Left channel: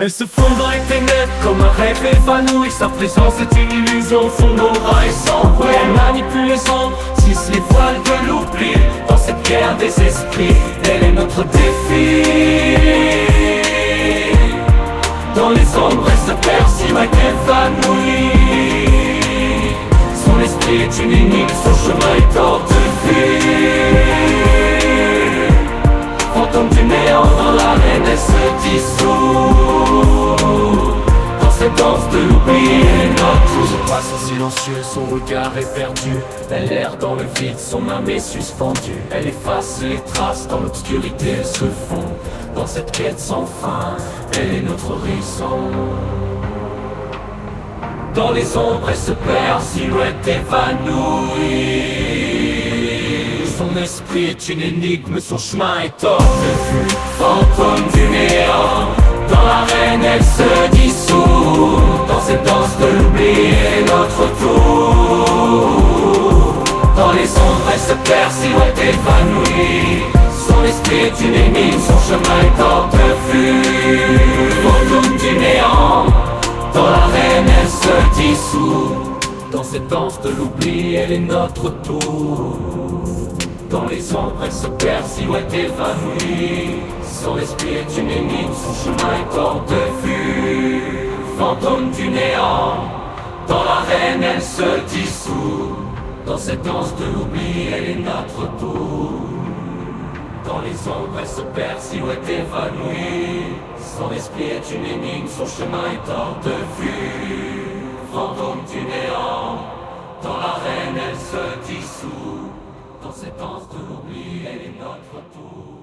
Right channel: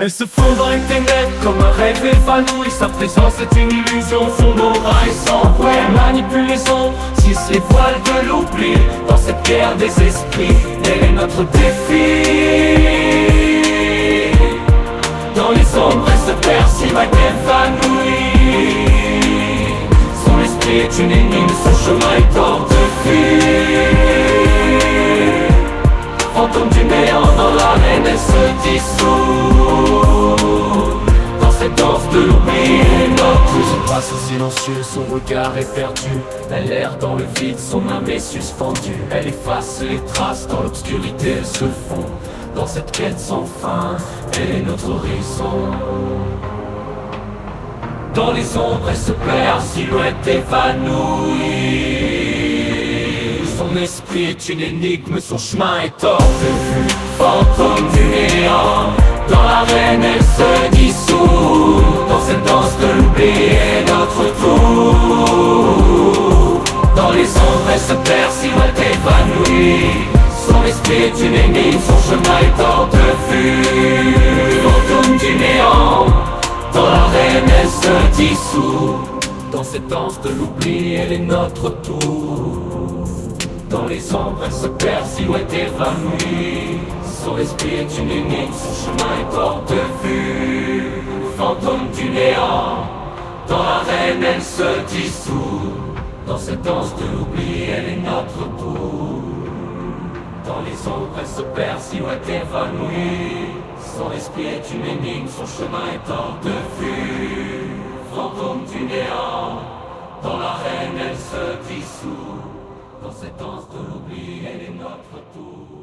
Elle se fond dans les ténèbres comme un rêve évanoui. Sa présence est une illusion, son aura est sans bruit. Elle manipule les ondes, tisse les voiles de l'oubli. Dans cette guerre des esprits, elle est notre défi. Dans les ombres, elle se perd, silhouette évanouie. Son esprit est une énigme, son chemin est hors de vue. Fantôme du néant, dans l'arène, elle se dissout. Dans cette danse de l'oubli et notre se passe au silencieux, son regard est perdu. Elle erre dans le vide, son âme est suspendue. Elle efface les traces, dans l'obscurité elle se fond. Dans cette quête sans fin, elle est notre horizon. Dans les ombres, elle se perd, silhouette évanouie. Son esprit est une énigme, son chemin est hors de vue. Fantôme du néant, dans l'arène elle se dissout. Dans cette danse de l'oubli est notre tour. Dans les ombres elle se perd, silhouette évanouie. Son esprit est une énigme, son chemin est hors de vue. Fantôme du néant, dans l'arène elle se dissout. Dans cette danse de l'oubli elle est notre tour. Dans les ombres elle se perd, silhouette évanouie. Son esprit est une énigme, son chemin est hors de vue. Fantôme du néant, dans l'arène elle se dissout. Dans cette danse de l'oubli elle est notre tour. Dans les ombres elle se perd, silhouette évanouie. Son esprit est une énigme, son chemin est hors de vue. Fantôme du néant, dans l'arène elle se dissout. Dans cette danse de l'oubli, elle est notre tour.